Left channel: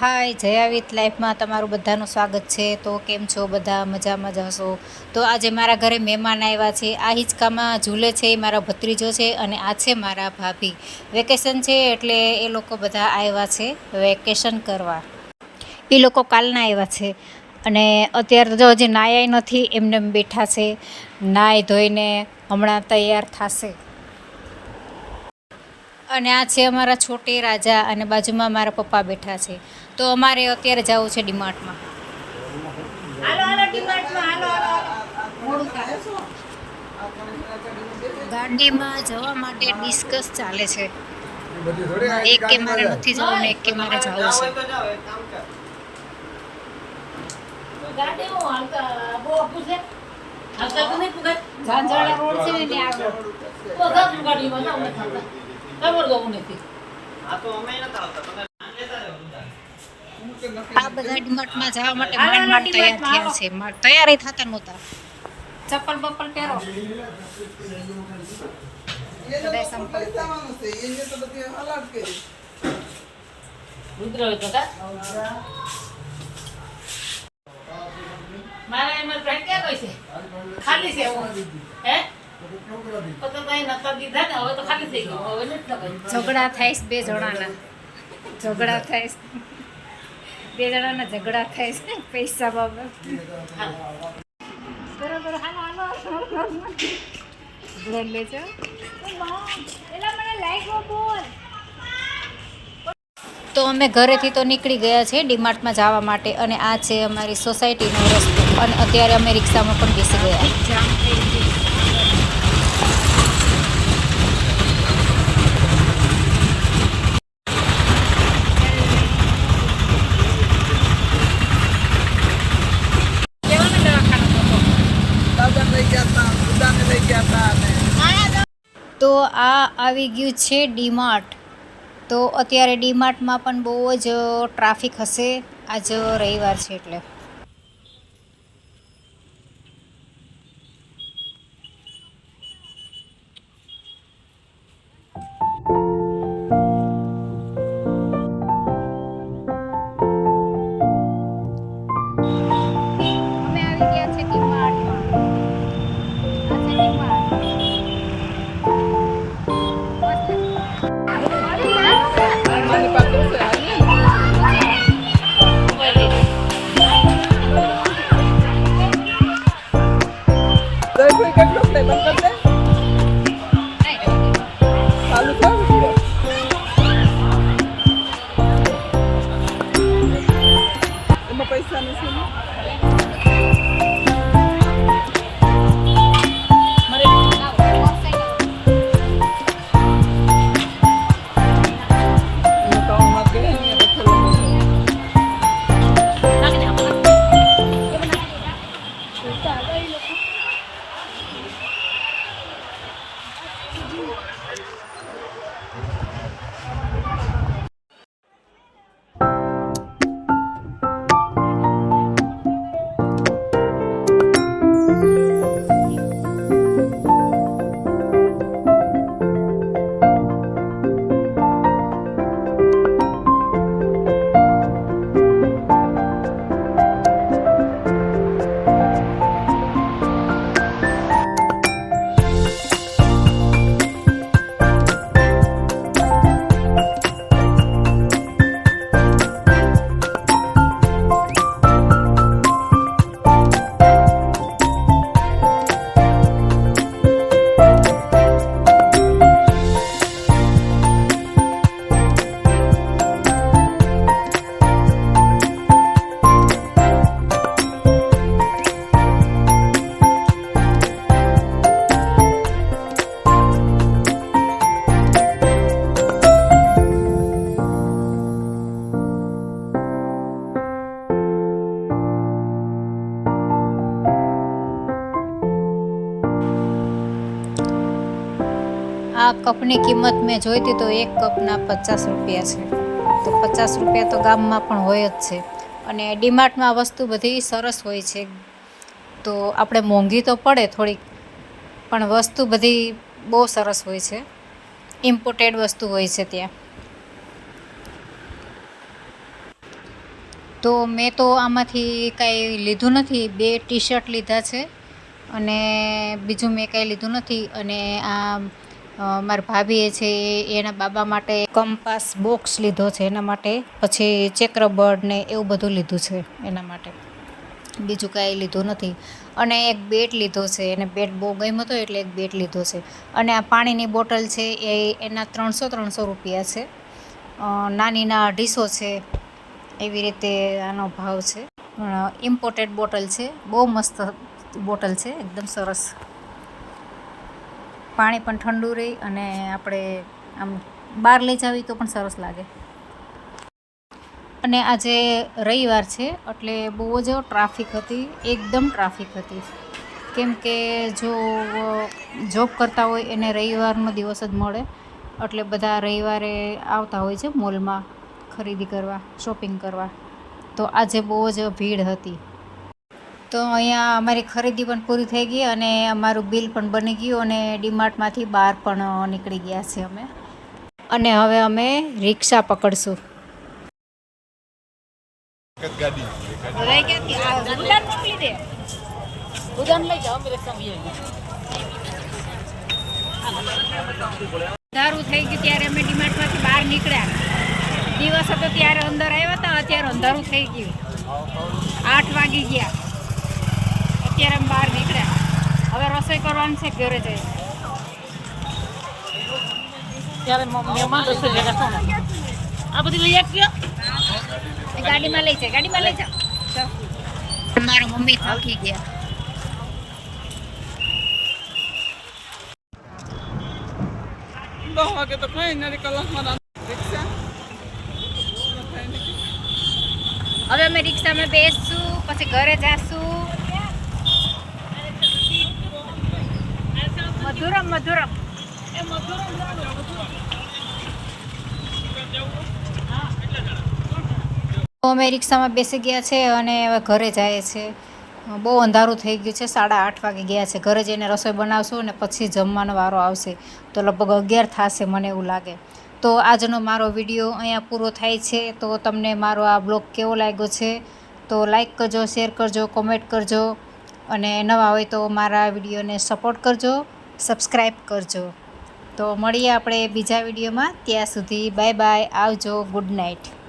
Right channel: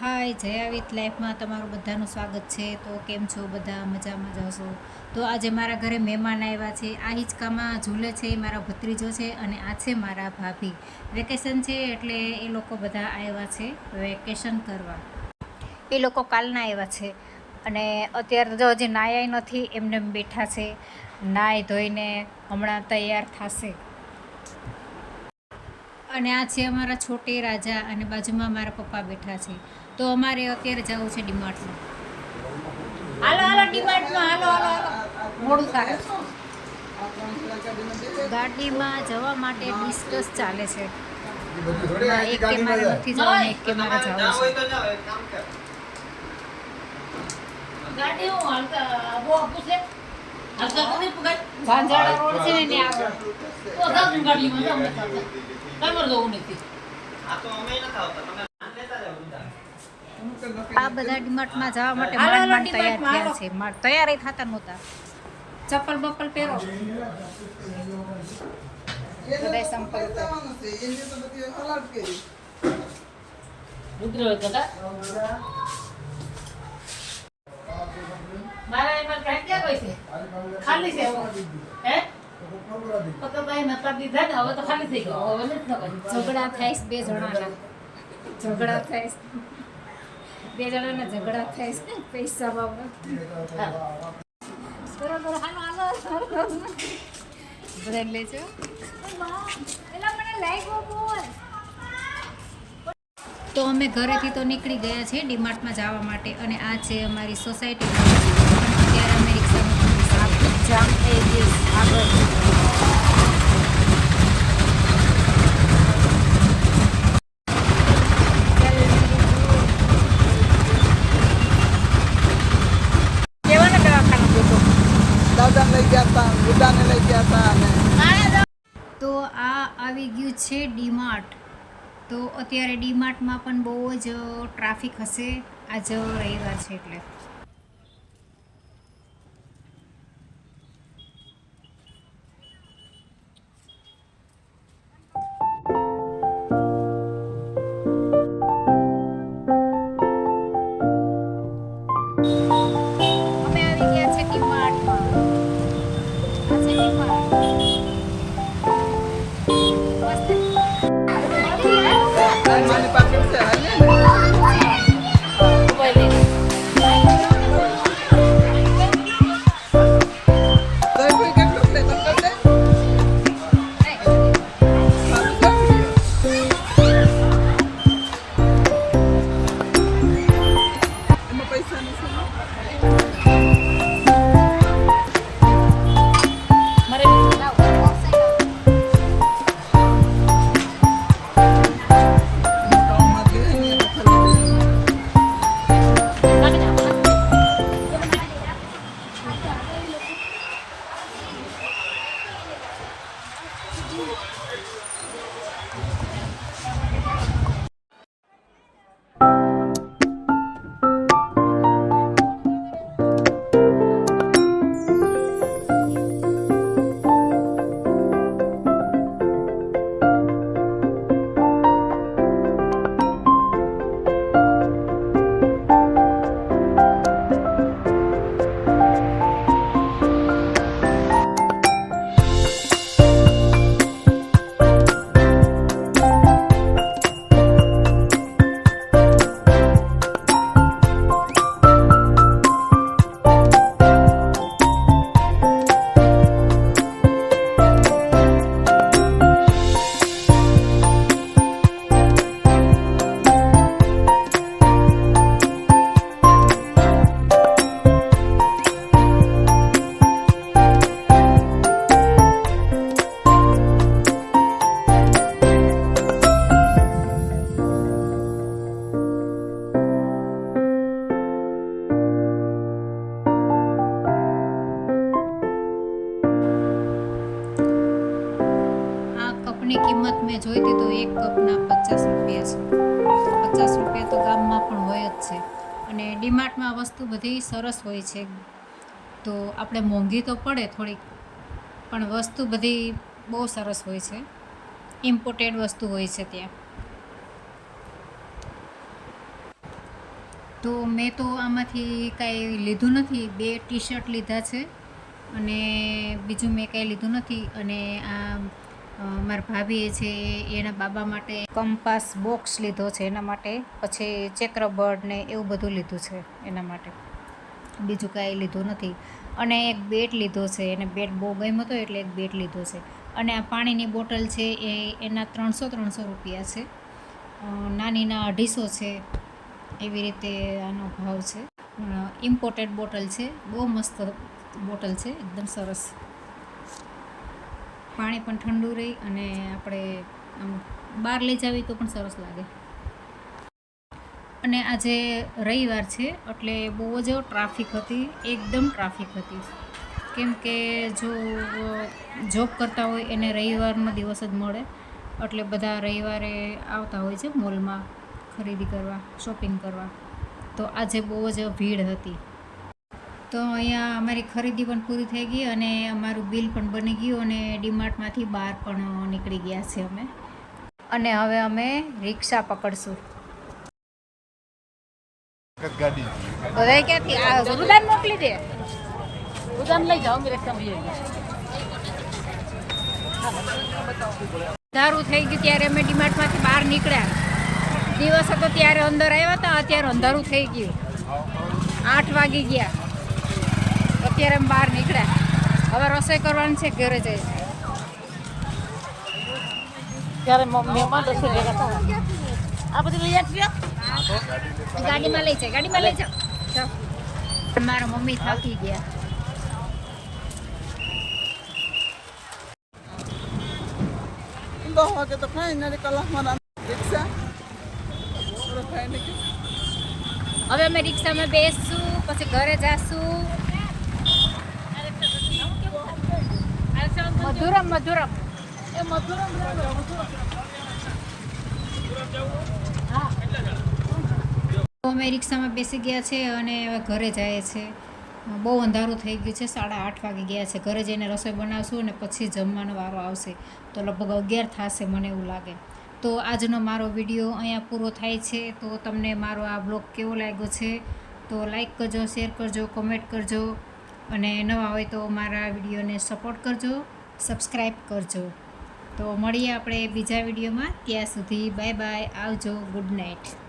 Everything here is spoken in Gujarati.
હાય, જયા વિથ લાઈફમાં તમારું બધાનું સ્વાગત છે. તો કેમ છો બધા? મજામાં જ હશો? તો આજે મારા ઘરે મહેમાન આવ્યા છે. આ હિંચકામાં ઝૂલે છે, એ મારા ભત્રીજો છે અને આ છે મારા ભાભી. વેકેશન છે એટલે એ લોકો બધા આવ્યા છે વેકેશન કરવા. એ લોકો કાલના આવ્યા છે અને અત્યારે જો હજી નાયા નથી, એમને એમ બેઠા છે. નાહી ધોઈને હમણાં તૈયાર થશે. અને આ છે અમારા છોટે રાજા અને બાજુમાં મારા પપ્પા બેઠા છે. તો અમારે અત્યારે જવું છે ડીમાર્ટમાં. હાલો હાલો ડીમાર્ટમાં. હાલો હાલો હાલો. મોડું થાય. ગાડીમાં જવા માટે ડિસ્કસ ચાલે છે. એક કે મારે નથી જવું ને એક કે મારે જવું છે. ગાડી હું હાલતા બહુ પૂછે ઝાંઝાળા રોડ છે ને આગળ. ખબર નથી. આ બધા. ડીમાર્ટમાં જવા માટે માંડ માંડ તૈયાર થયા છે. તૈયારી થતા નહોતા. ચપ્પલ બપ્પલ પહેરો. બધાય સંપલ રુદ્ર હોય મારા એમાં ક્યાં કોઈ છે? ખાલી છે હે? ઝઘડા થાય બે જણાના. ઝઘડા થાય બે જણાના ઝઘડા થાય છે પૈસા બાબત. બરોબર હાલો હાલો બ્રેડ લેજો. તો અમે ઘરેથી તો નીકળી ગયા છે ડીમાર્ટમાં જવા માટે અને આ છે અમારી સોસાયટીનો રસ્તો. અને અત્યારે અમે રિક્ષામાં પણ બેસી ગયા. જામ થઈ ગયું આગળ કેવાનો દવાખાનો ગોતો દાદાને લઈ ગયા હતા બુદ્ધાને લઈ ગયા હતા અને તો આ આવી ગયું છે ડીમાર્ટ. તો અત્યારે ડીમાર્ટમાં પણ બહુ જ ટ્રાફિક હશે. આજ રવિવાર છે એટલે. આ કપની કિંમત મેં જોઈ હતી તો એક કપના પચાસ રૂપિયા છે. તો પચાસ રૂપિયા તો ગામમાં પણ હોય જ છે. અને ડીમાર્ટમાં વસ્તુ બધી સરસ હોય છે. તો આપણે મોંઘી તો પડે થોડીક, પણ વસ્તુ બધી બહુ સરસ હોય છે. ઇમ્પોર્ટેડ વસ્તુ હોય છે ત્યાં. તો મેં તો આમાંથી કાંઈ લીધું નથી. બે ટી શર્ટ લીધા છે અને બીજું મેં કાંઈ લીધું નથી. અને આ મારા ભાભીએ છે, એના બાબા માટે કંપાસ બોક્સ લીધો છે, એના માટે. પછી ચેકરબર્ડ ને એવું બધું લીધું છે, એના માટે. બીજું કાંઈ લીધું નથી. અને એક બેટ લીધો છે, એને બેટ બહુ ગમ્યો હતો એટલે એક બેટ લીધો છે. અને આ પાણીની બોટલ છે, એ એના ત્રણસો ત્રણસો રૂપિયા છે. નાનીના અઢીસો છે, એવી રીતે આનો ભાવ છે. ઇમ્પોર્ટેડ બોટલ છે, બહુ મસ્ત બોટલ છે, એકદમ સરસ. પાણી પણ ઠંડુ રહે અને આપણે આમ બહાર લઈ જાવી તો પણ સરસ લાગે. અને આજે રવિવાર છે એટલે બહુ જ ટ્રાફિક હતી, એકદમ ટ્રાફિક હતી. કેમ કે જો જોબ કરતા હોય એને રવિવારનો દિવસ જ મળે. એટલે બધા રવિવારે આવતા હોય છે મોલમાં ખરીદી કરવા, શોપિંગ કરવા. તો આજે બહુ જ ભીડ હતી. તો અહીંયા અમારી ખરીદી પણ પૂરી થઈ ગઈ અને અમારું બિલ પણ બની ગયું અને ડીમાર્ટમાંથી બહાર પણ નીકળી ગયા છે અમે. અને હવે અમે રિક્ષા પકડશું. સમય અંધારું થઈ ગયું ત્યારે અમે ડીમાર્ટમાંથી બહાર નીકળ્યા. દિવસ હતો ત્યારે અંદર આવ્યા હતા, અત્યારે અંધારું થઈ ગયું. આઠ વાગી ગયા. અત્યારે અમે બહાર નીકળ્યા હવે રસોઈ કરવાની છે ઘરે જઈને. આ બધી લઈ ગાડીમાં લઈ જાય ગાડીમાં લઈ જાઓ. મારા મમ્મી થાકી ગયા. દસ વાગે તો કઈ નથી કલાકમાં રિક્ષા. હવે અમે રિક્ષામાં બેસશું પછી ઘરે જાશું. મધુરમ મધુરમ. તો અમે રિક્ષામાં બેસી ગયા છે અને હવે ઘરે જાય છે. બહુ અંધારું થઈ ગયું છે. સાડા આઠ વાગે ગયા છે. ઘરે જઈને રસોઈ બનાવશું અને પછી જમવાનો વારો આવશે. તો લગભગ અગિયાર થશે મને એવું લાગે. તો આજનો મારો વીડિયો અહીંયા પૂરો થાય છે. તો તમને મારો આ બ્લોગ કેવો લાગ્યો છે? તો લાઈક કરજો, શેર કરજો, કોમેન્ટ કરજો. અને નવા હોય તો મારા વિડીયોને સપોર્ટ કરજો. સબસ્ક્રાઈબ કરજો. તો મળીએ આપણે બીજા વિડીયોમાં. ત્યાં સુધી બાય બાય. આવજો. Good night.